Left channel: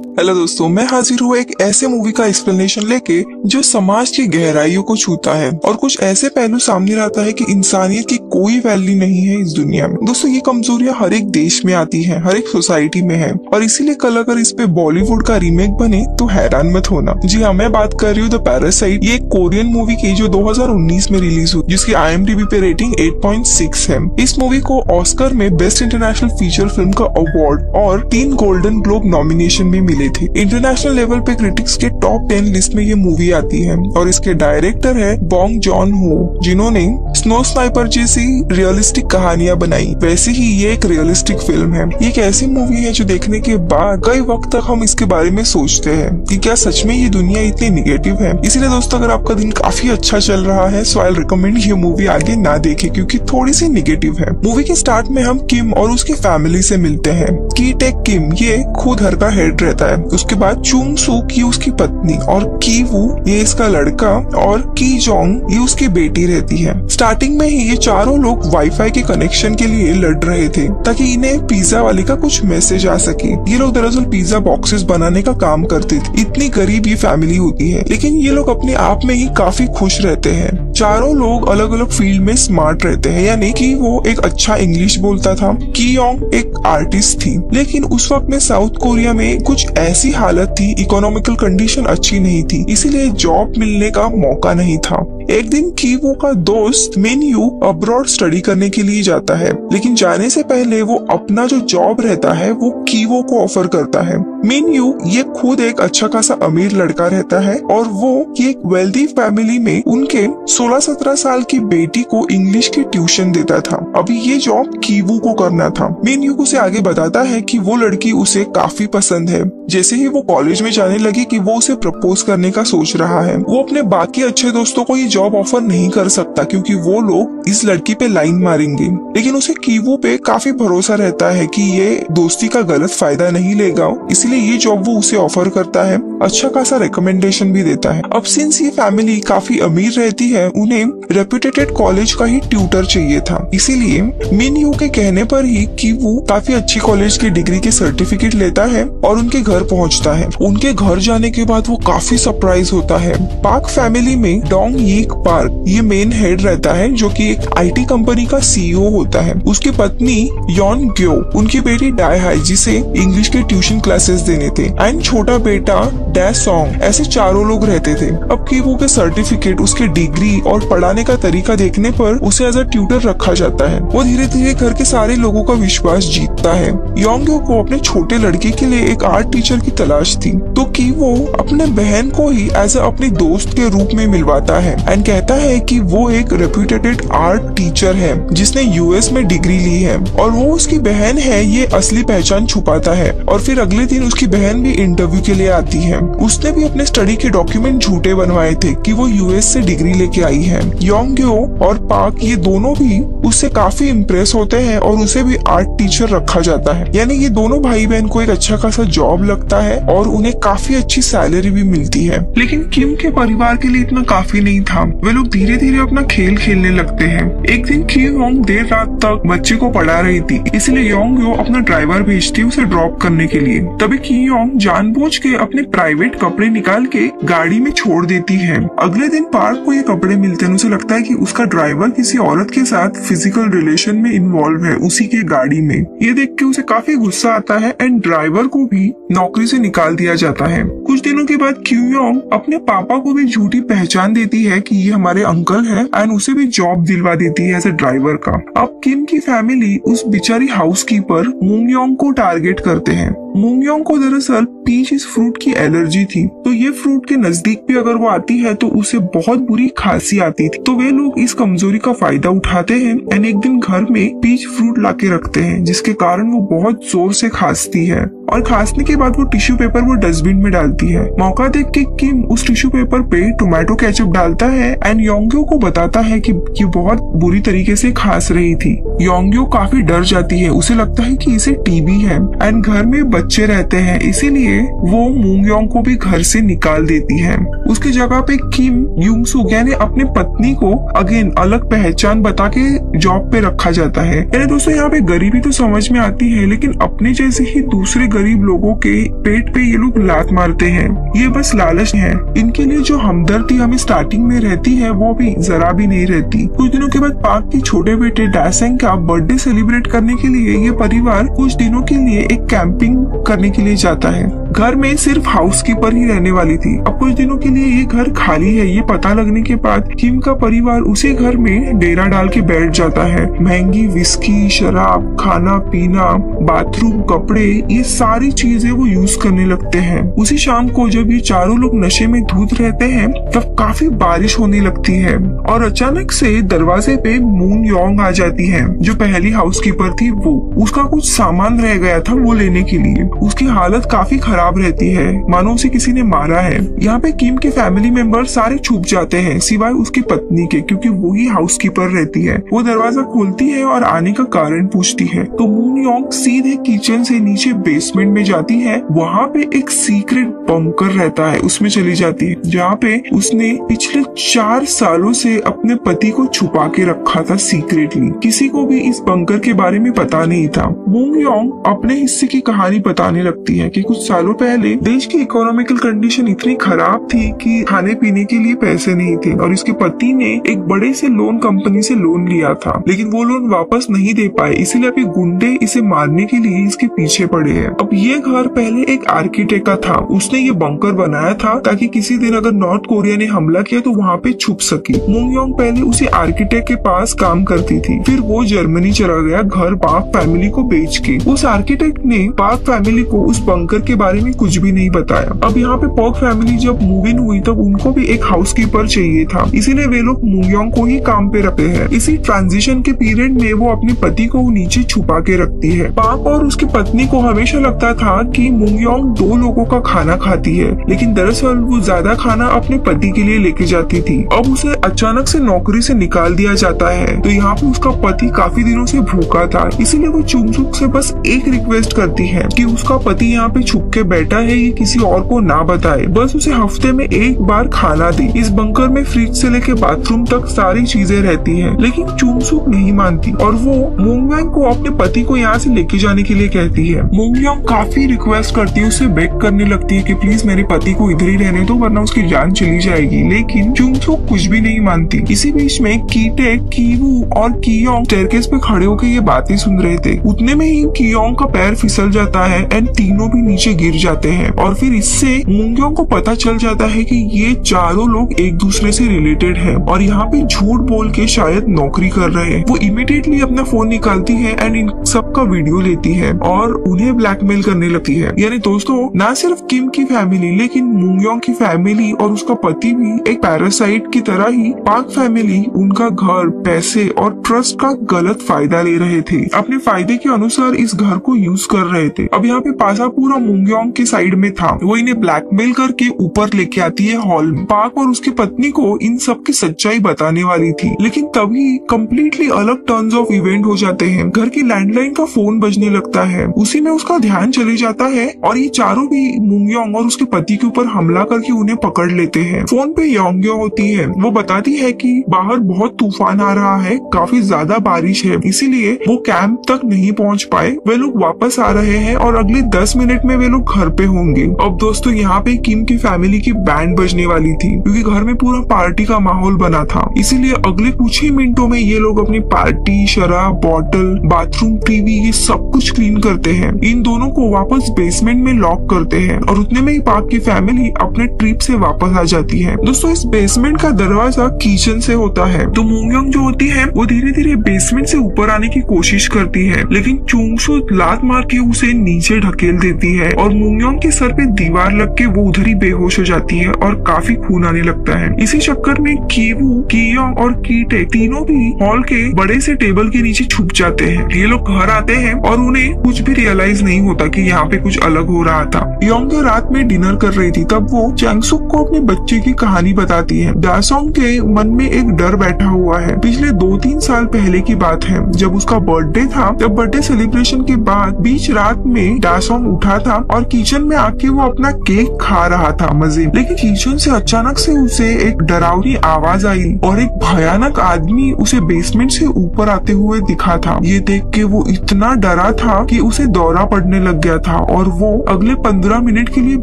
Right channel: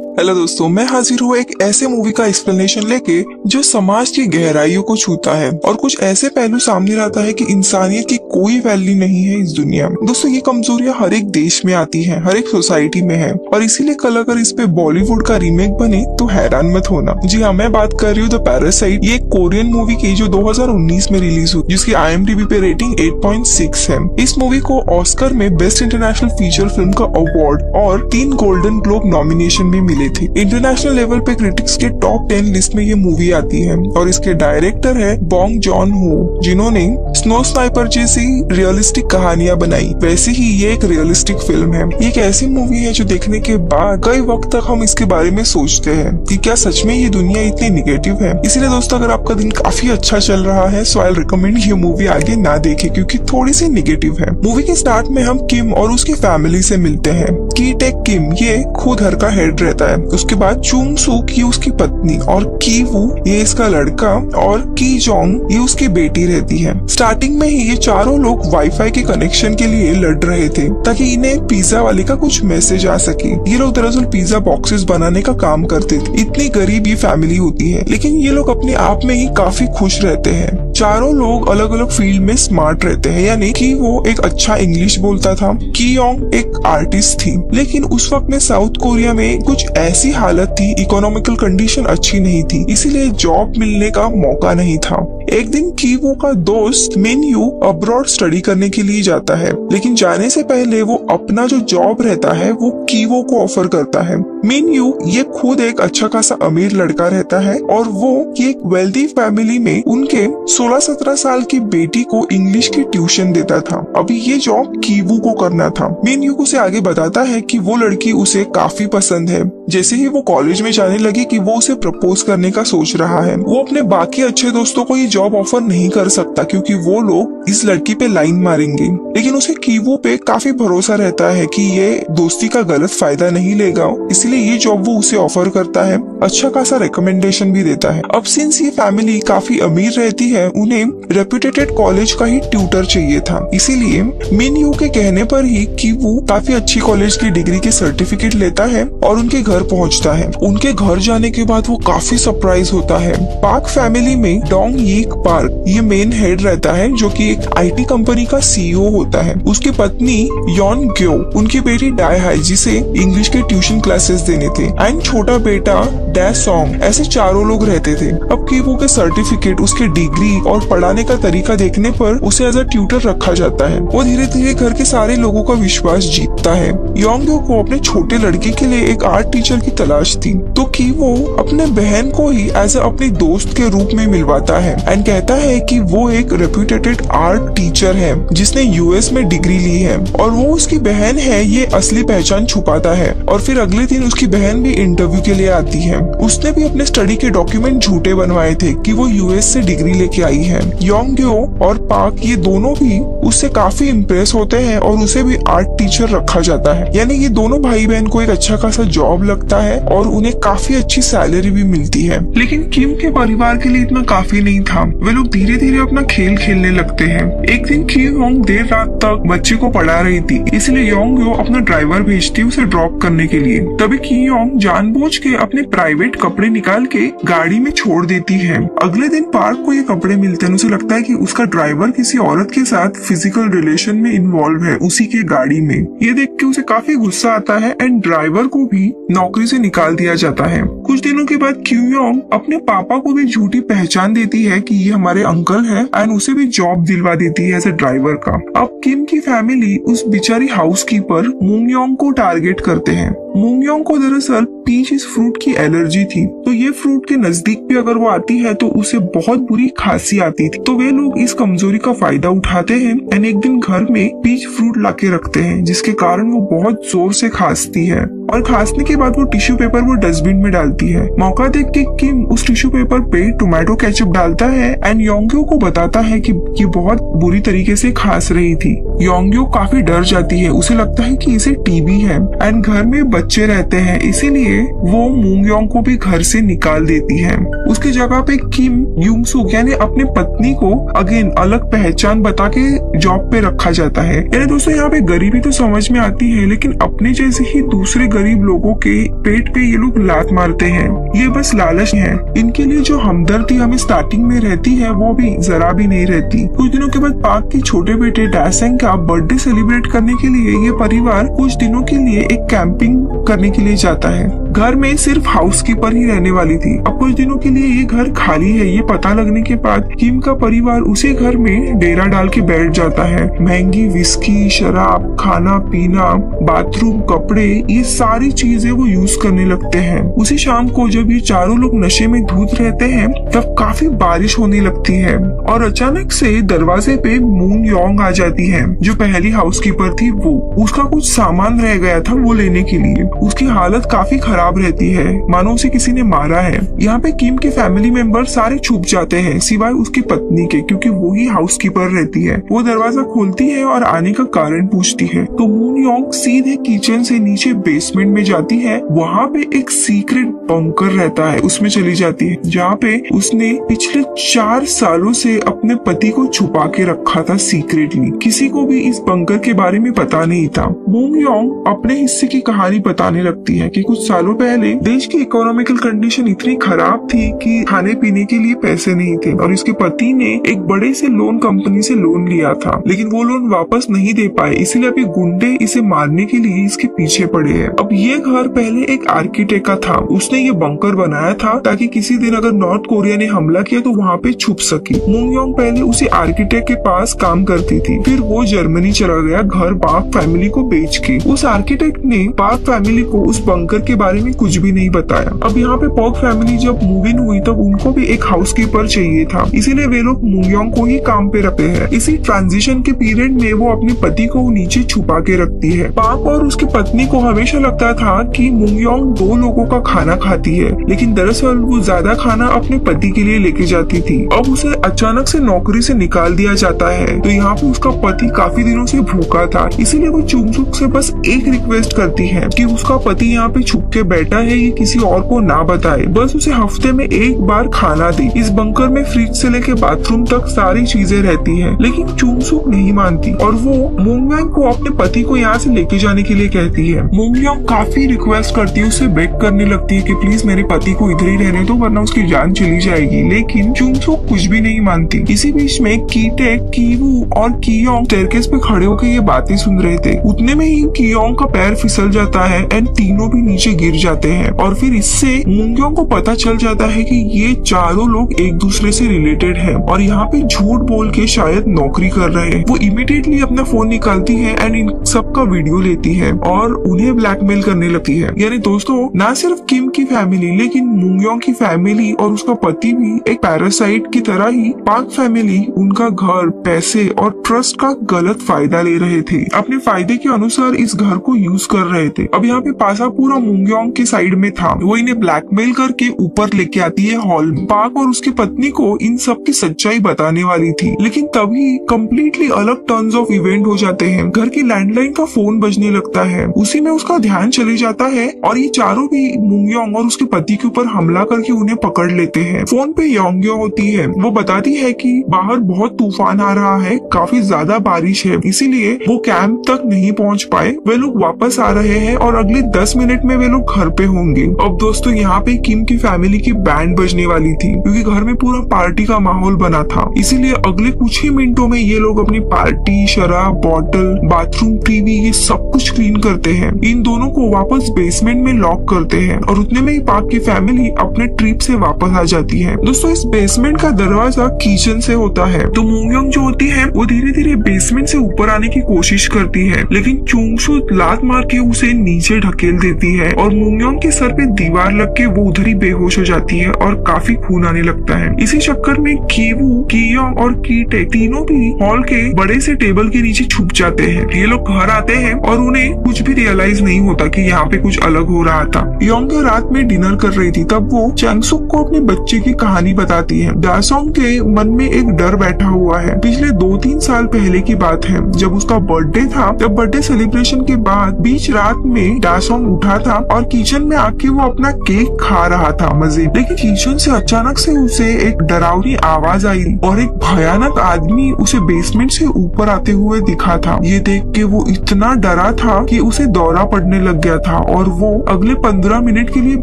Hello दोस्तों, मैं हाजिर हूँ एक ऐसे मूवी का एक्सप्लेनेशन लेके जो समाज की गहराइयों को छूता है और कुछ ऐसे पहलू सामने लाता है कि इंसानियत की कोई वैल्यू नहीं है इस दुनिया में। दोस्तों, ये कमजोरियां हर एक देश में आती हैं, हर एक सोसाइटी में है और इसीलिए कल अगर इस पे बॉलीवुड का रीमेक बने तो हैरान मत होना। जी हाँ, मैं बात कर रही हूँ द पैरासाइट। ये एक कोरियन मूवी की जो 2019 में रिलीज हुई, जिसकी IMDb पे रेटिंग 8.6 है। इस मूवी को ऑस्कर में बेस्ट इंटरनेशनल फीचर फिल्म का अवार्ड और 3 गोल्डन ग्लोब नॉमिनेशन भी मिले थे। इंटरनेशनल लेवल पे क्रिटिक्स के टॉप 10 लिस्ट में ये मूवी आती है और इसके डायरेक्टर है बॉन्ग जॉन हो, जिन्होंने स्नो स्नाइपर जैसी रियलिस्टिक कहानियां बनाई। वैसे ही ये एक रियलिस्टिक फिल्म है। ये एक ऐसी मूवी है जो देखने के बाद कई वक्त तक हम इसके बारे में सोचते हैं कि क्या सच में ये दुनिया इतनी निगेटिव है। इसीलिए दोस्तों, अगर आपका दिन काफी अच्छा चल रहा है सो आई रिकमेंड ये मूवी आगे ना देखे, क्योंकि थोड़ी सी निगेटिव है। मूवी के स्टार्ट में हम किम और उसकी फैमिली से मिलते हैं। की टेक किम ये खुद घर का हेड रहता है। उसके बाद चुंग सूक ये उसकी पत्नी और की वो ये इसका लड़का और की जोंग ये उसकी बेटी रहती है। स्टार्टिंग में ही ये चारों लोग वाईफाई के कनेक्शन के लिए लड़ रहे थे ताकि इन्हें पिज्जा वाले का कुछ मैसेज आ सके। ये लोग दरअसल पिज्जा बॉक्सेस बनाने का काम करते थे। इतनी गरीब ये फैमिली होती है, लेकिन ये लोग अपने आप में ही काफी खुश रहते हैं। चारों लोग अलग अलग फील्ड में स्मार्ट रहते हैं, यानी कि वो एक अच्छा इंग्लिश बोलता था, की योंग एक आर्टिस्ट थी। लेकिन उस वक्त में साउथ कोरिया में कुछ ऐसी हालत थी, इकोनॉमिकल कंडीशन अच्छी नहीं थी, इसीलिए जॉब मिलने का मौका नहीं था। एक दिन कीवो का दोस्त मिन यू अब्रॉड स्टडी करने के लिए जाता है, लेकिन जाने से पहले वो अपना जो जॉब रहता है वो कीवो को ऑफर करता है। मिन यू ये खुद एक अच्छा खासा अमीर लड़का रहता है और वो एक वेल्दी फैमिली में उनके 16-17 साल की बेटी को इंग्लिश की ट्यूशन देता था। अभी ये जॉब कीवो को करना था। मिन यू उसे आगे बताता है कि वो लड़की उसे काफी पसंद है। जैसे ही वो कॉलेज में जाने लगी कि वो उसे प्रपोज करने का सोच रहा है। वो अपने बाकी अच्छे दोस्तों को ये जॉब ऑफर नहीं कर सकता क्योंकि वो लोग इस लड़की पे लाइन मारेंगे, लेकिन उसे कीवो पे काफी भरोसा रहता है कि ये दोस्ती का गलत फायदा नहीं लेगा, इसलिए ये जॉब वो उसे ऑफर करता है। अच्छा खासा रिकमेंडेशन भी देता है। अब सिंस ये फैमिली काफी अमीर रहती है, उन्हें रेप्यूटेड कॉलेज का ही ट्यूटर चाहिए था, इसीलिए मिन यू के कहने पर ही कि वो काफी अच्छी कॉलेज की डिग्री की सर्टिफिकेट लेता है और उनके घर पहुंचता है। उनके घर जाने के बाद वो काफी सरप्राइज होता है। पार्क फैमिली में डोंग यीक पार्क ये मेन हेड रहता है, जो कि एक IT कंपनी का CEO होता है। उसकी पत्नी यॉन ग्यो, उनकी बेटी डाई है जिसे इंग्लिश के ट्यूशन क्लासेस देने थे, एंड छोटा बेटा डे सॉन्ग। ऐसे चारों लोग रहते थे। अब कीवो के सर्टिफिकेट, उसकी डिग्री और पढ़ाने का तरीका देखने पर उसे एज अ ट्यूटर रखा जाता है। वो धीरे धीरे घर के सारे लोगों का विश्वास जीतता है। यॉन्ग को अपने छोटे लड़के के लिए एक आर्ट टीचर की तलाश थी, तो कीवो अपने बहन को ही एज अपने दोस्त के रूप में मिलवाता है एंड कहता है कि वो एक रेप्यूटेड आर्ट टीचर है जिसने US में डिग्री ली है और वो उसकी बहन है, ये असली पहचान छुपाता है। और फिर अगले दिन उसकी बहन भी इंटरव्यू के लिए आती है। उसने भी अपने स्टडी के डॉक्यूमेंट झूठे बनवाए थे कि वो US से डिग्री लेके आई है। योंग्यो और पार्क ये दोनों भी उससे काफी इम्प्रेस होते हैं और उसे भी आर्ट टीचर रखा जाता है। यानी ये दोनों भाई बहन को एक अच्छा खासा जॉब लगता है और उन्हें काफी अच्छी सैलरी भी मिलती है। लेकिन किम के परिवार के लिए इतना काफी नहीं था। वे लोग धीरे धीरे अपना खेल खेलने लगते हैं। एक दिन की योंग देर रात तक बच्चे को पढ़ा रही थी, इसलिए योंग्यो अपना ड्राइवर भेजती है उसे ड्रॉप करने के लिए। तभी की योंग जानबूझ के अपने प्राइवेट कपड़े निकाल के गाड़ी में छोड़ देती है। अगले दिन पार्क को ये कपड़े मिलते हैं। उसे लगता है कि उसका ड्राइवर किसी औरत के साथ फिजिकल रिलेशन में इन्वॉल्व है उसी के गाड़ी में। ये देख के उसे काफी गुस्सा आता है एंड ड्राइवर को भी नौकरी से निकाल दिया जाता है। कुछ दिनों के बाद क्यूयोंग अपने पापा को भी झूठी पहचान देती है कि ये हमारे अंकल हैं एंड उसे भी जॉब दिलवा देती है एज ए ड्राइवर का। अब किम की फैमिली उस बेचारी हाउसकीपर मुंगयोंग को टारगेट करते हैं। मुंगयोंग को दरअसल पीच इस फ्रूट की एलर्जी थी, तो ये फ्रूट के नजदीक भी अगर वो आती है तो उसे बहुत बुरी खांसी आती थी। तो वे लोग इस कमजोरी का फायदा उठाते हैं एंड एक दिन घर में पीच फ्रूट लाके रखते हैं, जिसके कारण वो बहुत जोर से खांसती है और खांसने के बाद वो टिश्यू पेपर वो डस्टबिन में डालती है। मौका देखते किम उस टिश्यू पेपर पे टोमेटो केचप डालता है एंड योंग्यो को बताता है कि ये बहुत बुरी तरीके से खांस रही थी। योंग्यो काफी डर जाती है। उसे लगता है कि इसे टीबी है एंड घर में बच्चे रहते हैं, इसीलिए वो मूंग योंग को भी घर से निकाल देती है। उसकी जगह पे किम यूंग सुक यानी अपनी पत्नी को अगेन अलग पहचान बता के जॉब पे रखा जाता है। यानी दोस्तों यहाँ पे गरीबी तो समझ में आती है, लेकिन अपने जैसे ही दूसरे गरीब लोगों के पेट पे ये लोग लात मारते हैं। ये बस लालच है। इनके लिए जो हमदर्दी हमें स्टार्टिंग में रहती है वो भी जरा भी नहीं रहती। कुछ दिनों के बाद पाक के छोटे बेटे डासेंग का बर्थडे सेलिब्रेट करने के लिए ये परिवार कुछ दिनों के लिए एक कैंपिंग करने के लिए जाता है। घर में सिर्फ हाउसकीपर ही रहने वाली थी। अब कुछ दिनों के लिए ये घर खाली है ये पता लगने के बाद किम का परिवार उसी घर में डेरा डाल के बैठ जाता है। महंगी विस्की, शराब, खाना पीना, बाथरूम, कपड़े, ये सारी चीजें वो यूज करने लगते हैं। उसी शाम को जब ये चारों लोग नशे में धुत रहते हैं तब काफी बारिश होने लगती है और अचानक से दरवाजे पे मून योंग आ जाती है जो पहली हाउसकीपर थी। वो उसका कुछ सामान रह गया था वो लेने के लिए। उसकी हालत काफी खराब रहती है, मानो उसे किसी ने मारा है। यहाँ पे किम के फैमिली मेंबर सारे छुप जाते हैं सिवाय उसकी पत्नी के, क्योंकि वो ही हाउसकीपर रहती है। वो दरवाजा खोलती है और आने का कारण पूछती है तो मून योंग सीधे किचन से नीचे बेसमेंट में जाती है। वहाँ पे एक सीक्रेट बंकर रहता है, उसमें चली जाती है जहाँ पे उसने पिछले 4 सालों से अपने पति को छुपा के रखा था सीक्रेटली। किसी को भी इस बंकर के बारे में पता नहीं था। मून योंग अपने हिस्से की कहानी बताने लगती है कि कुछ सालों पहले देश की इकोनॉमिकल कंडीशन इतनी खराब थी कि खाने पीने के लिए पैसे नहीं थे और इसके पति ने एक बड़े से लोन कंपनी से लोन लिया था, लेकिन वो लोन वापस नहीं दे पाए, इसलिए अभी गुंडे इसे मारने के लिए इसके पीछे पड़े हैं। अब ये घर पहले एक आर्किटेक्ट का था, उसने ये बंकर बनाया था ताकि किसी दिन अगर नॉर्थ कोरिया ने हमला किया तो वहाँ पे छुप सके। मून योंग पहले उसे आर्किटेक्ट के पास काम करती थी, फिर वो जर्मनी चला गया घर पाक फैमिली को बेच के। उस आर्किटेक्ट ने पाक फैमिली को उस बंकर के बारे में कुछ भी नहीं बताया। अब यहाँ पे पाक फैमिली जब मूव इन हुई तब उनको भी एक हाउसकीपर चाहिए था, इसीलिए वे लोग मून योंग को ही काम पे रखते हैं। इसी ट्रांजिशन के पीरियड में वो अपनी पति को नीचे छुपा के रखती है। पाक और उसकी पत्नी को हमेशा लगता था कि मून योंग 2 लोगों का खाना खाती है, लेकिन दरअसल वो ज्यादा खाना अपने पति के लिए लेके जाती थी। अब उसे अचानक से नौकरी से निकाल दिया जाता है तो यहाँ पे उसका पति काफी दिनों से भूखा था, इसीलिए वो चुंगचुक से बस एक रिक्वेस्ट करती है कि उसका पति यहाँ पे छुप के बैठा है, ये किसी और को ना बताए, बस उसे हफ्ते में एक बार खाना दे। इस बंकर में फ्रिज से लेके बाथरूम तक सारी चीजें रहती हैं, लेकिन चुंगचुक नहीं मानती और वो मून योंग को अपने पति को यहाँ से लेके जाने के लिए कहती है। मून योंग काफी रिक्वेस्ट करती है, उसे बेग करने लगती है कि प्लीज मेरे पति को इधर ही रहने दो वरना उसकी जान चली जाएगी, लेकिन चुंगचुक कुछ भी नहीं मानती। इसी बीच में कीटे, कीवू और कियोंग स्टेयरकेस पे खड़े होकर ये बातें सुन रहे थे। उतने में ही कियोंग का पैर फिसल जाता है एंड तीनों भी नीचे गिर जाते हैं और फिर इससे मून योंग को पता चल जाता है कि ये चारों लोग एक दूसरे से रिलेटेड है और यहाँ पे झूठ बोल के शायद नौकरी कर रहे हैं। वो इमीडिएटली अपना फोन निकालती है एंड इन सब का वीडियो लेती है और उन्हें ब्लैकमेल करने लगती है। यानी दोस्तों न सिर्फ किम की फैमिली लेकिन मून योंग की फैमिली और उसका पति भी एक पैरासाइट की तरह ही पाक फैमिली उनका घर, पैसे और ट्रस्ट का गलत फायदा ले रहे थे। अपने फायदे के अनुसार इस घर को यूज कर रहे थे। अब यहाँ पे पासा पूरा मून योंग की साइड में था। वो इन्हें ब्लैकमेल करके ऊपर लेके आती है हॉल में। पाक और उसकी पत्नी को इन सब की सच्चाई बताने वाली थी, लेकिन तभी कम्प्लीटली अलग टर्न्स ऑफ इवेंट हो जाते हैं। घर की लैंडलाइन का फोन बजने लगता है, उसी में उसका ध्यान चले जाता है और ये चारों भी मून योंग और उसके पति के ऊपर हमला करके उन्हें पकड़ लेते हैं। फोन पे योंग्यो होती है, वो बताती है कि बाहर बहुत तूफान आ रहा है, काफी ज्यादा बारिश है, इसीलिए वो कैंप तक नहीं पहुंच पाए। वे लोग वापस आ रहे हैं और अगले 10 मिनट में वे लोग घर पे होंगे। अब दोस्तों यहाँ पे किम की फैमिली की बैंड बजने वाली थी क्योंकि घर में पूरा पार्टी का माहौल बना था, इसीलिए अगले कुछ ही मिनटों में ये लोग अपनी पार्टी, शराब, बॉटल, बाथरूम, टीवी ये सब कुछ क्लीन करते हैं। इन दोनों को वापस बेसमेंट में लॉक करते हैं और उतने में ही पाक की फैमिली अपने ट्रिप से वापस आ जाती है। दोस्तों इस बेसमेंट का दरवाजा किचन से होता है तो मून योंग जो होती है वो धीरे धीरे बेसमेंट से ऊपर आने की कोशिश करती है, लेकिन चुंगचुक लात मार के उसे नीचे ढकेल देती है और मून योंग के सर पे दीवार लग के वो उधर ही बेहोश हो जाती है और काफी खून आने लगता है। इसी चक्कर में कीवू, कियोंग और कीटे तीनों भी हॉल के बड़े से टेबल के नीचे छुप जाते हैं। ये लोग घर आते हैं और उन्हें कुछ भी रियलाइज नहीं होता कि यहाँ पे कुछ अलग हो रहा था। योंगे रात में डिनर कर रही थी, तब वो चैंगसुक को अपने बच्चे की कहानी बताती है। दासोंग के मन में एक डर बैठा हुआ है। पिछले 2-3 साल पहले की बात है, जब उसका बर्थडे था, तब बर्थडे सेलिब्रेशन के बाद बीच रात में दासोंग उठा था और किचन में आके वो अपना केक खा रहा था मजे, लेकिन किचन से अचानक से उसे एक डरावनी आवाज आई और एक भयानक आदमी उसे बेसमेंट से ऊपर आते हुए दिखा था। ये देख के वो इतना डरा था कि उसे दौरा पड़ने लग गया था और वो अगले 15 मिनट के लिए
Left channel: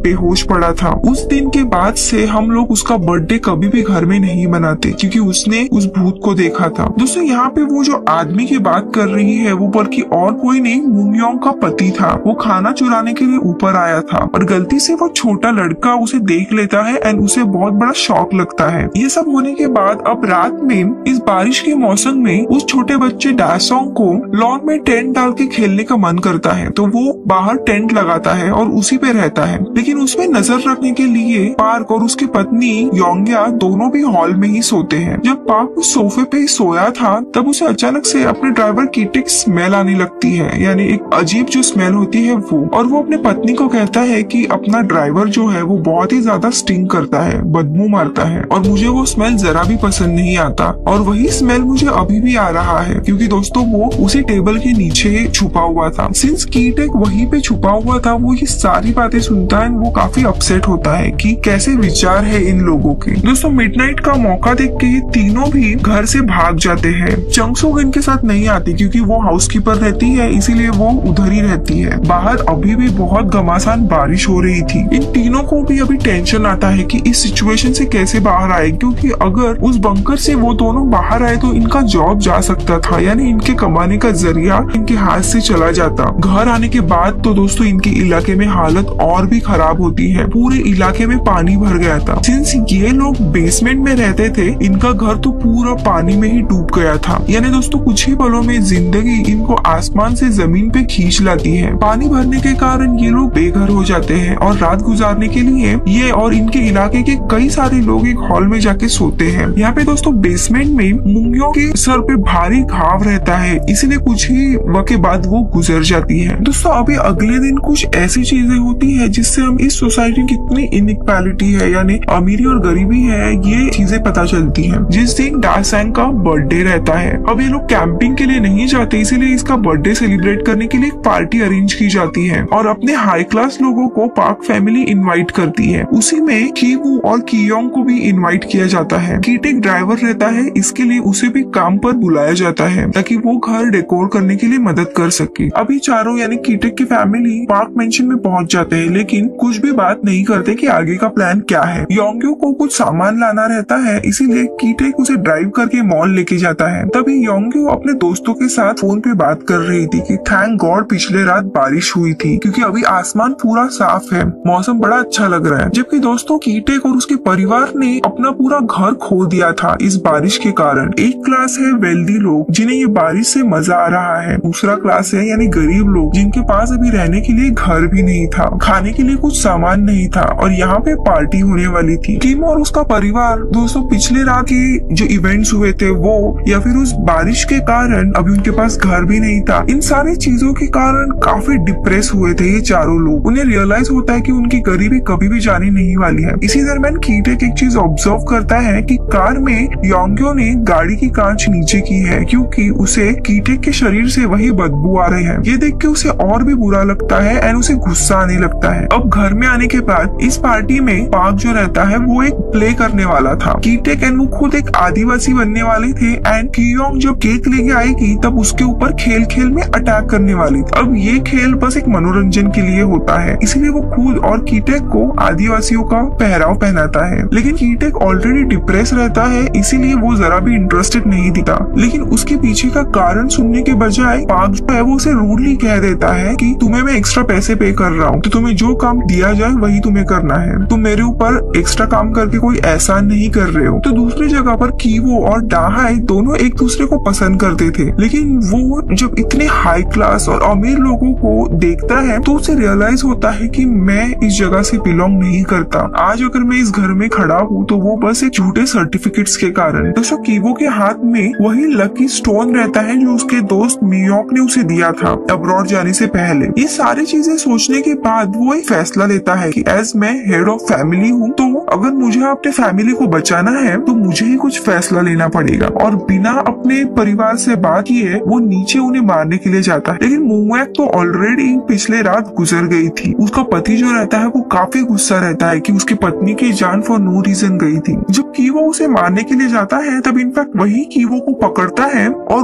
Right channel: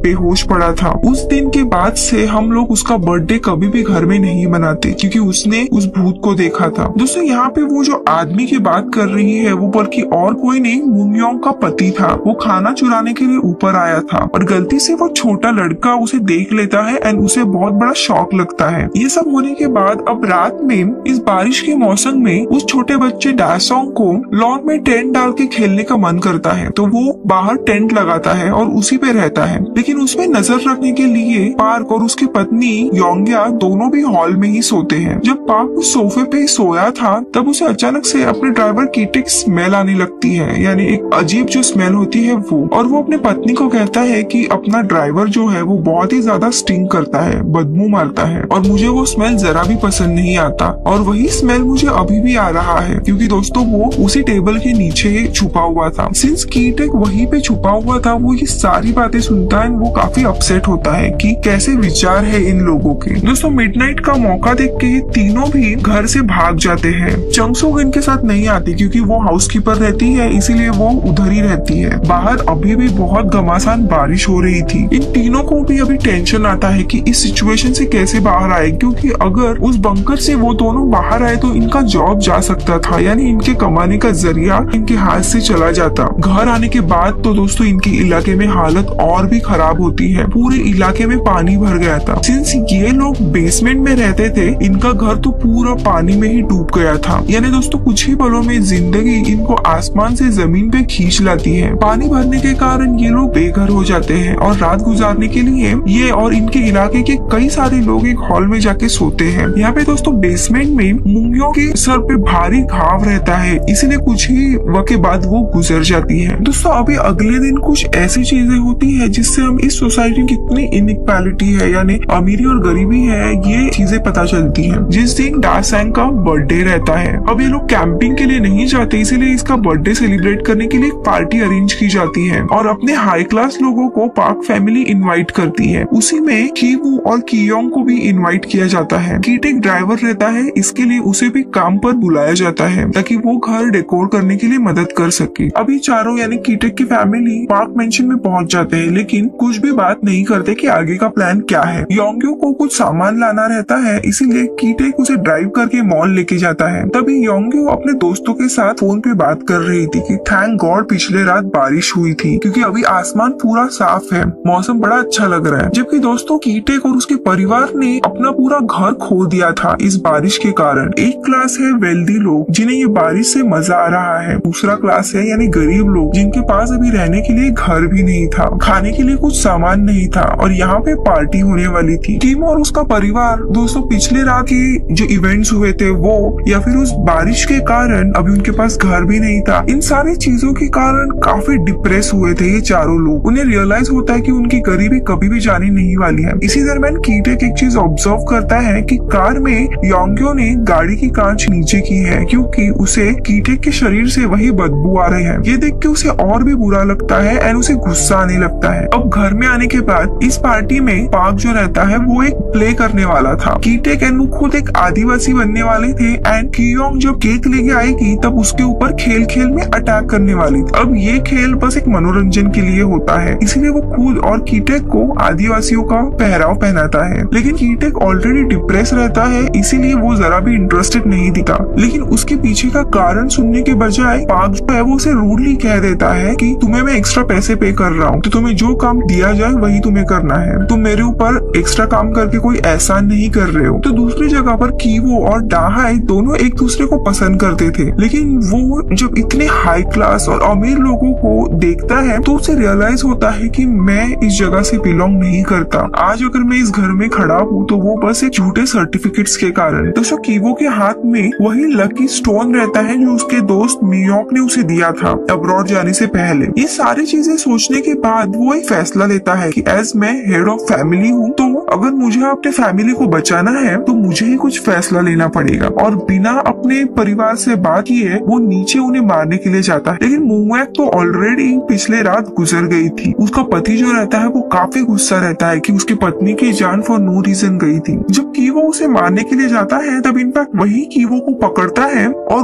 बेहोश पड़ा था। उस दिन के बाद से हम लोग उसका बर्थडे कभी भी घर में नहीं मनाते क्योंकि उसने उस भूत को देखा था। दोस्तों यहाँ पे वो जो आदमी की बात कर रही है वो बल्कि और कोई नहीं, मुंगयोंग का पति था। वो खाना चुराने के लिए ऊपर आया था और गलती से वो छोटा लड़का उसे देख लेता है एंड उसे बहुत बड़ा शॉक लगता है। ये सब होने के बाद अब रात में इस बारिश के मौसम में उस छोटे बच्चे डासोंग को लॉन में टेंट डाल के खेलने का मन करता है, तो वो बाहर टेंट लगाता है और उसी पे रहता है। लेकिन उस पे नजर रखने के लिए पार्क और उसकी पत्नी योंग्या दोनों भी हॉल में ही सोते हैं। जब पार्क उस सोफे पे सोया था तब उसे अचानक से अपने ड्राइवर की एक स्मेल आने लगती है, यानी एक अजीब जो स्मेल होती है वो। और वो अपनी पत्नी को कहता है कि अपना ड्राइवर जो है वो बहुत ही ज्यादा स्टिंग करता है, बदबू मारता है और मुझे वो स्मेल जरा भी पसंद नहीं आता। और वही स्मेल मुझे अभी भी आ रहा है क्योंकि दोस्तों वो उसी टेबल के नीचे छुपा हुआ था। सिंस कीटेक वहीं पे छुपा हुआ था, वो ये सारी बातें सुनता है। वो काफी अपसेट होता है कि कैसे विचार है इन लोगों के। दोस्तों मिडनाइट का मौका देख के तीनों भी घर से भाग जाते हैं। चंगसुक इनके साथ नहीं आती क्योंकि वो हाउसकीपर रहती है, इसीलिए वो उधर ही रहती है। बाहर अभी भी बहुत घमासान बारिश हो रही थी। इन तीनों को भी अभी टेंशन आता है कि इस सिचुएशन से कैसे बाहर आए, क्योंकि अगर उस बंकर से वो दोनों बाहर आए तो इनका जॉब जा सकता था, यानी इनके कमाने का जरिया इनके हाथ से चला जाता। घर आने के बाद तो दोस्तों इनके इलाके में हालत और भी खराब होती है। पूरे इलाके में पानी भर गया था। सिंस ये लोग बेसमेंट में रहते थे, इनका घर तो पूरा पानी में ही डूब गया था। यानी दोस्तों कुछ ही पलों में जिंदगी इनको आसमान से जमीन पे खींच लाती है। पानी भरने के कारण ये लोग बेघर हो जाते हैं और रात गुजारने के लिए ये और इनके इलाके के कई सारे लोग एक हॉल में जाके सोते हैं। यहाँ पे दोस्तों बेसमेंट में मुंगियों के सर पे भारी घाव रहता है, इसलिए कुछ ही वक्त के बाद वो गुजर जाती है। दोस्तों अभी अगले दिन कुछ ऐसी चीजें होती है जिससे हम इस सोसाइटी की कितनी इनइक्वालिटी है, यानी अमीरी और गरीबी है, ये चीजें पता चलती है। जिस दिन डासेंग का बर्थडे रहता है, अब ये लोग कैंपिंग के लिए नहीं जाते, इसीलिए इसका बर्थडे सेलिब्रेट करने के लिए पार्टी अरेंज की जाती है और अपने हाई क्लास लोगों को पार्क फैमिली इनवाइट करती है। उसी में कीवू और कियोंग को भी इनवाइट किया जाता है। कीटेक ड्राइवर रहता है, इसके लिए उसे भी काम पर बुलाया जाता है ताकि वो घर डेकोर करने के लिए मदद कर सके। अभी चारों यानी कीटेक की फैमिली पार्क मेंशन में पहुंच जाते हैं, लेकिन कुछ भी बात नहीं करते कि आगे का प्लान क्या है। योंग्यो को कुछ सामान लाना रहता है, इसीलिए कीटेक उसे ड्राइव करके मॉल लेके जाता है। तभी योंग्यो अपने दोस्तों के साथ फोन पे बात कर रही थी कि थैंक गॉड पिछले रात बारिश हुई थी क्योंकि अभी आसमान पूरा साफ है, मौसम बड़ा अच्छा लग रहा है। जबकि दोस्तों कीटेक और उसके परिवार ने अपना पूरा घर खो दिया था इस बारिश के कारण। एक क्लास है वेल्दी लोग जिन्हें ये बारिश से मजा आ रहा है, दूसरा क्लास है यानी गरीब लोग जिनके पास अभी रहने के लिए घर भी नहीं था, खाने के लिए कुछ सामान नहीं था और यहाँ पे पार्टी होने वाली थी। किम और उसका परिवार दोस्तों पिछले रात के जो इवेंट्स हुए थे वो या फिर उस बारिश के कारण अभी उनके पास घर भी नहीं था, इन सारी चीजों के कारण काफी डिप्रेस हुए थे ये चारों लोग। उन्हें रियलाइज होता है कि उनकी गरीबी कभी भी जाने नहीं वाली है। इसी दरम्यान कीटेक एक चीज ऑब्जर्व करता है कि कार में योंग्यो ने गाड़ी की कांच नीचे की है क्योंकि उसे कीटेक के शरीर से वही बदबू आ रहे हैं। ये देख के उसे और भी बुरा लगता है एंड उसे गुस्सा आने लगता है। अब घर में आने के बाद इस पार्टी में पार्क जो रहता है वो एक प्ले करने वाला था। कीटेक एंड वो खुद एक आदिवासी बनने वाले थे एंड कियोंग जब केक लेके आएगी तब उसके ऊपर खेल खेल में अटैक करने वाली थी। अब ये खेल बस एक मनोरंजन के लिए होता है, इसलिए वो खुद और कीटेक को आदिवासियों का पहराव पहनाता है। लेकिन कीटेक ऑलरेडी डिप्रेस रहता है, इसीलिए वो जरा भी इंटरेस्टेड नहीं दिखा। लेकिन उसके पीछे का कारण सुनने के बजाय पार्क जो है वो उसे रूडली कह देता है कि तुम्हें मैं एक्स्ट्रा पैसे पे कर रहा हूँ, तो तुम्हें जो काम दिया जाए वही तुम्हें करना है, तुम मेरे ऊपर एक्स्ट्रा काम करके कोई एहसान नहीं कर रहे हो। तो दूसरी जगह पर कीवो और डाहाई दोनों एक दूसरे को पसंद करते थे, लेकिन वो जब इतने हाई क्लास और अमीर लोगों को देखता है तो उसे रियलाइज होता है कि मैं इस जगह से बिलोंग नहीं करता। आज अगर मैं इस घर में खड़ा हूँ तो वो बस एक झूठे सर्टिफिकेट्स के कारण। दोस्तों कीवो के हाथ में वही लकी स्टोन रहता है जो उसके दोस्त न्यूयॉर्क ने उसे दिया था अब्रॉड जाने से पहले। ये सारी चीजें सोचने के बाद वो एक फैसला लेता है कि एज मैं हेड ऑफ फैमिली हूँ, तो अगर मुझे अपने फैमिली को बचाना है तो मुझे ही कुछ फैसला लेना पड़ेगा। और बिना अपने परिवार से बात किए वो नीचे उन्हें मारने के लिए जाता है। लेकिन मोंगवैक तो ऑलरेडी पिछले रात गुजर गई थी। उसका पति जो रहता है वो काफी गुस्सा रहता है कि उसकी पत्नी की जान फॉर नो रीजन गई थी। जब कीवो उसे मारने के लिए जाता है तब इनफैक्ट वही कीवो को पकड़ता है और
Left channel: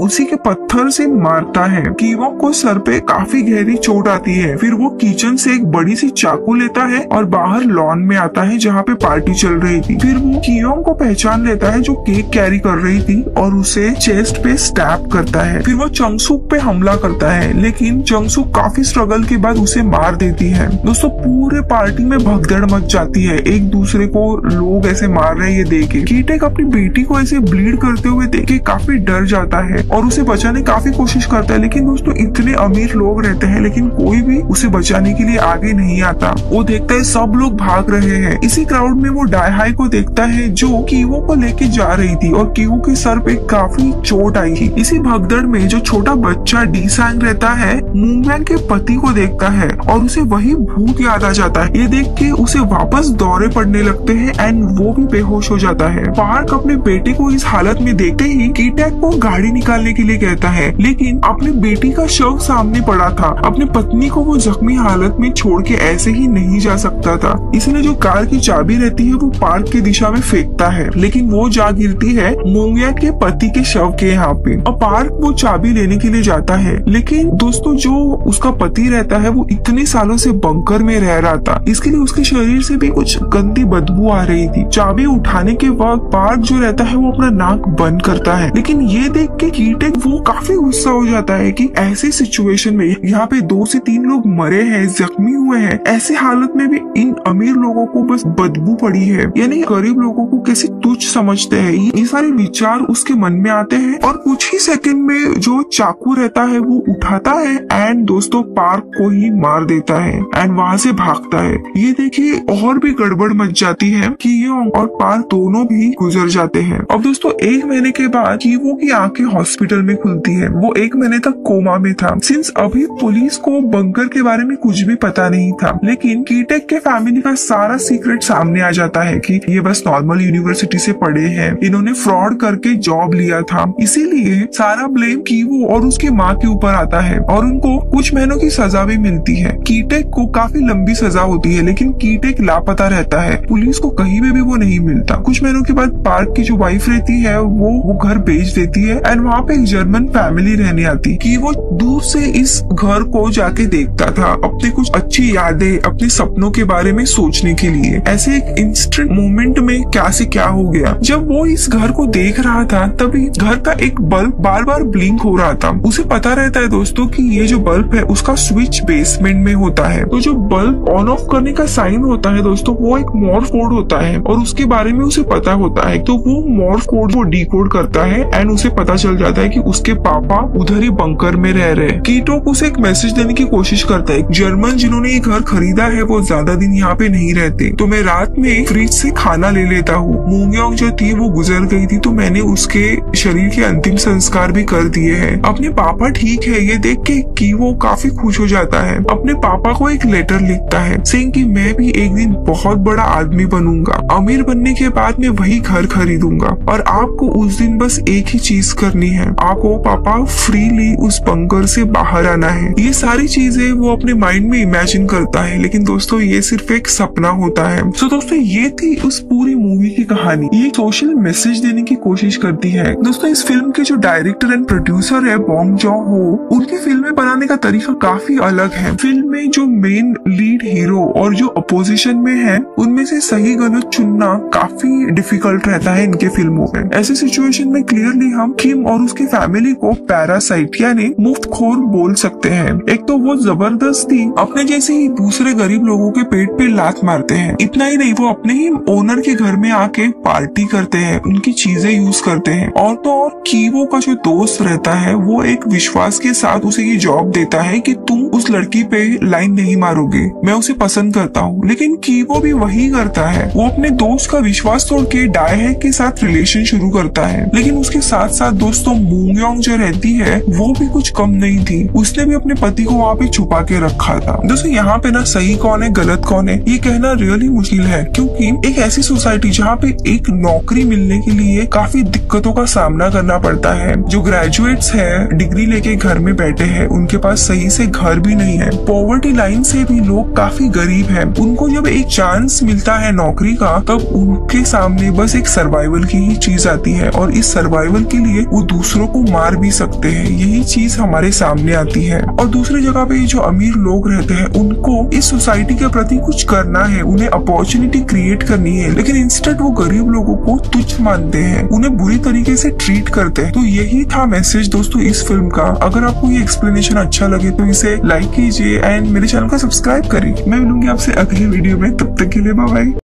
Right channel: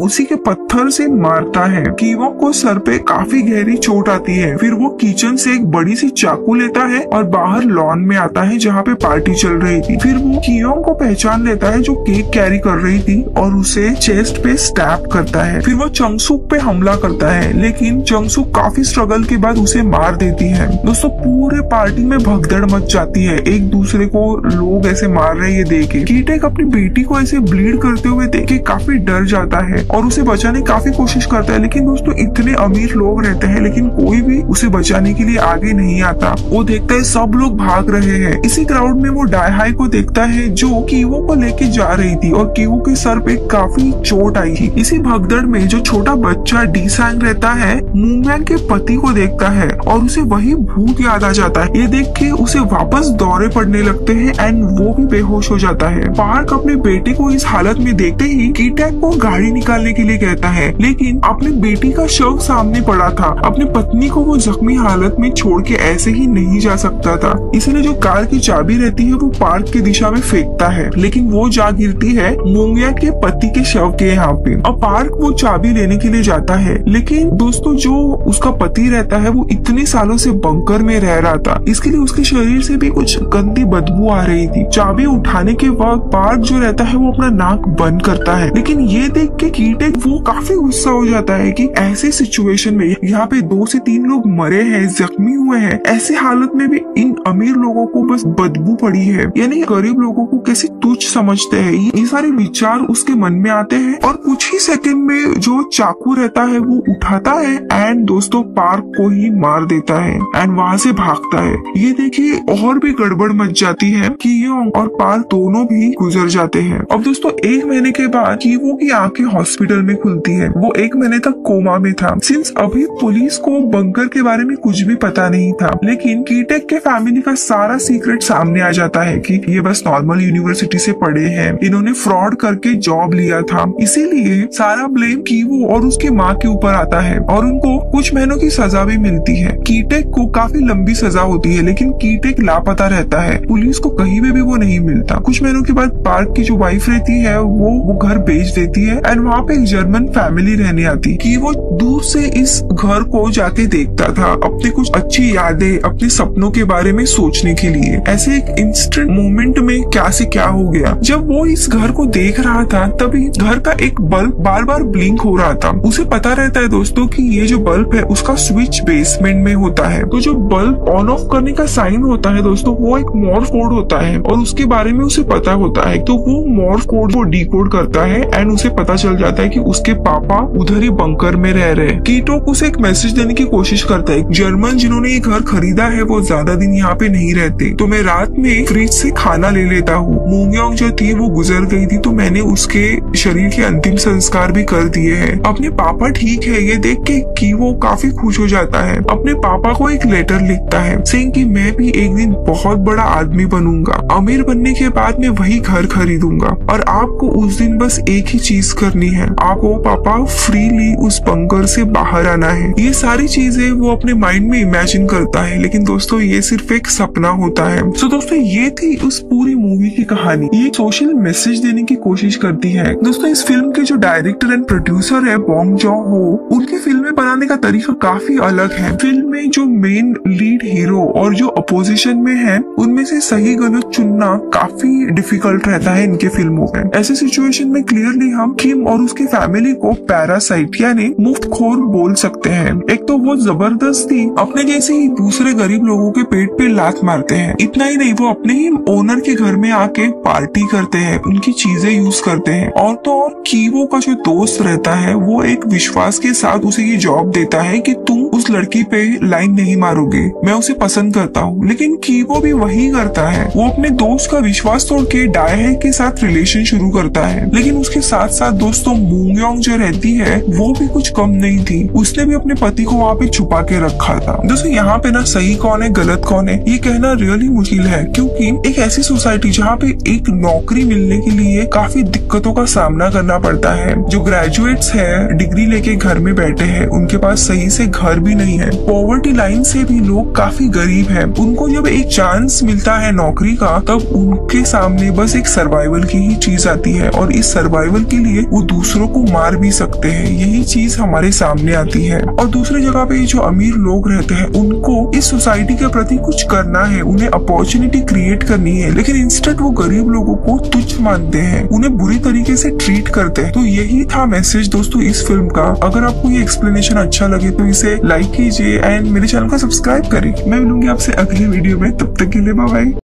उसी के पत्थर से मारता है। कीवो को सर पे काफी गहरी चोट आती है। फिर वो किचन से एक बड़ी सी चाकू लेता है और बाहर लॉन में आता है जहाँ पे पार्टी चल रही थी। फिर वो कीवो को पहचान लेता है जो केक कैरी कर रही थी और उसे चेस्ट पे स्टैब करता है। फिर वो चंगसुक पे हमला करता है, लेकिन चंगसुक काफी स्ट्रगल के बाद उसे मार देती है। दोस्तों पूरे पार्टी में भगदड़ मच जाती है, एक दूसरे को लोग ऐसे मार रहे हैं देख के। कीटेक अपनी बेटी को ऐसे ब्लीड करते हुए देख के काफी डर जाता है और उसे बचाने की काफी कोशिश करता है। लेकिन दोस्तों इतने अमीर लोग रहते हैं लेकिन कोई भी उसे बचाने के लिए आगे नहीं आता। वो देखता है सब लोग भाग रहे हैं। इसी क्राउड में वो डायहाई को देखता है जो कीवो को लेके जा रही थी और कीवो के सर पे काफी चोट आई थी। इसी भगदड़ में जो छोटा बच्चा डी-सांग रहता है मोंगवैक के पति को देखता है और उसे वही भूत याद आ जाता है। ये देख के उसे वापस दौरे पड़ने लगते हैं एंड वो भी बेहोश हो जाता है। पार्क अपने बेटे को इस हालत में देखते ही कीटेक को गाड़ी निकालने के लिए कहता है, लेकिन अपनी बेटी का शव सामने पड़ा था। अपनी पत्नी को वो जख्मी हालत में छोड़ के ऐसे ही नहीं जा सकता था। इसलिए जो कार की चाबी रहती है वो पार्क की दिशा में फेंकता है, लेकिन वो जा गिरती है मोंगवैक के पति के शव के यहाँ पे। अब पार्क वो चाबी लेने के लिए जाता है, लेकिन दोस्तों जो उसका पति रहता है वो इतने सालों से बंकर में रह रहा था, इसके लिए उसके शरीर से भी कुछ गंदी बदबू आ रही थी। चाबी उठाने के वक्त पार्क जो रहता है वो अपना नाक बंद करता है, लेकिन ये देख के कीटेक वो काफी गुस्सा हो जाता है कि ऐसे सिचुएशन में यहाँ पे 2 से 3 लोग मरे हैं, जख्मी हुए हैं, ऐसी हालत में भी इन अमीर लोगों को बस बदबू पड़ी है, यानी गरीब लोगों को कैसे तुच्छ समझते हैं। ये सारे विचार उसके मन में आते हैं और कुछ ही सेकंड में जो चाकू रहता है वो उठाता है एंड दोस्तों पार्क को ही मार देता है एंड वहाँ से भागता है। ये देखिए और भी गड़बड़ मच जाती है। कीवो और पार्क दोनों भी गुजर जाते हैं। अब दोस्तों 1 महीने के बाद कीवो की आंखें हॉस्पिटल में खुलती है। वो 1 महीने तक कोमा में था। सिंस अभी पुलिस को बंकर के बारे में कुछ भी पता नहीं था, लेकिन कीटेक के फैमिली का सारा सीक्रेट सामने आ जाता है कि ये बस नॉर्मल यूनिवर्सिटी से पढ़े हैं, इन्होंने फ्रॉड करके जॉब लिया था, इसीलिए सारा ब्लेम कीवो और उसकी माँ के ऊपर आता है और उनको कुछ महीनों की सजा भी मिलती है। कीटेक को काफी लंबी सजा होती है, लेकिन कीटेक लापता रहता है, पुलिस को कहीं में भी वो नहीं मिलता। कुछ महीनों के बाद पार्क की जो वाइफ रहती है वो घर बेच देती है एंड वहाँ पे एक जर्मन फैमिली रहने आती कि वो दूर से इस घर को जाके देखता था अपने कुछ अच्छी यादें, अपने सपनों के बारे में सोचने के लिए। ऐसे एक इंस्टेंट मोमेंट में क्या से क्या हो गया। जब वो इस घर को देख रहा था तभी घर का एक बल्ब बार बार ब्लिंक हो रहा था। उसे पता रहता है दोस्तों कि ये जो बल्ब है उसका स्विच बेसमेंट में होता है, तो जो बल्ब ऑन ऑफ करने का साइन होता है दोस्तों वो एक मोर्स कोड होता है और उसके बारे में उसे पता होता है। तो वो मोर्स कोड को डिकोड करता है एंड उसे पता चल जाता है कि उसके पापा उधर ही बंकर में रह रहे हैं। कीटो उसे एक मैसेज देने की कोशिश करता है, जर्मन जिन्होंने ये घर खरीदा है वो ज्यादा दिन यहाँ पे नहीं रहते, तो मैं रात में फ्रिज से खाना ले लेता हूँ। मोंगवैक जो थी वो गुजर गई थी तो मैंने उसके शरीर के अंतिम संस्कार भी कर दिए हैं। अपने पापा ठीक है ये देख के कीवो काफी खुश हो जाता है। अपने पापा को एक लेटर लिखता है सेइंग कि मैं भी एक दिन बहुत बड़ा आदमी बनूंगा, अमीर बनने के बाद मैं वही घर खरीदूंगा और आपको उस दिन बस एक ही चीज करनी है, आपको पापा फ्रीली उस बंकर से बाहर आना है। ये सारी चीजें वो अपने माइंड में इमेजिन करता है, लेकिन दोस्तों ये सिर्फ एक सपना होता है। तो दोस्तों ये थी उस पूरी मूवी की कहानी। ये सोशल मैसेज देने की कोशिश करती है। दोस्तों इस फिल्म के जो डायरेक्टर एंड प्रोड्यूसर है बॉन्ग जॉन-हो, उनकी फिल्में बनाने का तरीका काफी अलग है। फिल्म में जो मेन लीड हीरो और जो अपोजिशन में है उनमें से सही गलत चुनना काफी डिफिकल्ट रहता है इनके फिल्मों में। ऐसे सिचुएशन में क्लियरली हम किम और उसकी फैमिली को पैरासाइट यानी मुफ्तखोर बोल सकते हैं। एक तो वो जबरदस्ती अपने जैसे ही दूसरे गरीब लोगों के पेट पे लात मारते हैं। इतना ही नहीं, वो अपने ही ओनर के घर में आके पार्टी करते हैं, उनकी चीजें यूज करते हैं और तो और कीवो का जो दोस्त रहता है वो एक विश्वास के साथ उसे ये जॉब देता है कि तुम उस लड़की पे लाइन नहीं मारोगे, मैं उसे पसंद करता हूँ। लेकिन कीवो भी वही करता है, वो अपने दोस्त का विश्वास तोड़ के डायहे के साथ रिलेशन शुरू करता है। लेकिन उसके साथ साथ दोस्तों मूंगयोंग जो रहती है वो भी कुछ कम नहीं थी, उसने भी अपने पति को वहाँ पे छुपा के रखा था। दोस्तों यहाँ पे ना सही कौन है गलत कौन है ये कहना रियली मुश्किल है, क्योंकि एक ऐसी सोसाइटी जहाँ पे एक नौकरी मिलने के लिए काफी दिक्कतों का सामना करना पड़ता है। जो ग्रेजुएट्स है डिग्री लेके घर में बैठे हैं, उनके पास सही से घर भी नहीं है, पॉवर्टी लाइन से भी लोग काफी गरीब है, उनको जब एक चांस मिलता है नौकरी का तब उनके सामने बस एक सर्वाइवल की ही चीज आती है, और इस सर्वाइवल के लिए वो दूसरों को मार भी सकते हैं, यही चीज हमारे सामने आती है। और दूसरी जगह पे जो अमीर लोग रहते हैं उनको इस सोसाइटी के प्रति कुछ करना है, उन्हें अपॉर्चुनिटी क्रिएट करनी है, लेकिन इंस्टेड वो गरीब लोगों को तुच्छ मानते हैं, उन्हें बुरी तरीके से ट्रीट करते हैं। तो यही था मैसेज दोस्तों इस फिल्म का। अगर आपको ये एक्सप्लेनेशन अच्छा लगे तो इसे लाइक कीजिए एंड मेरे चैनल को सब्सक्राइब करें। मैं मिलूंगी आपसे अगले वीडियो में, तब तक के लिए बाय बाय।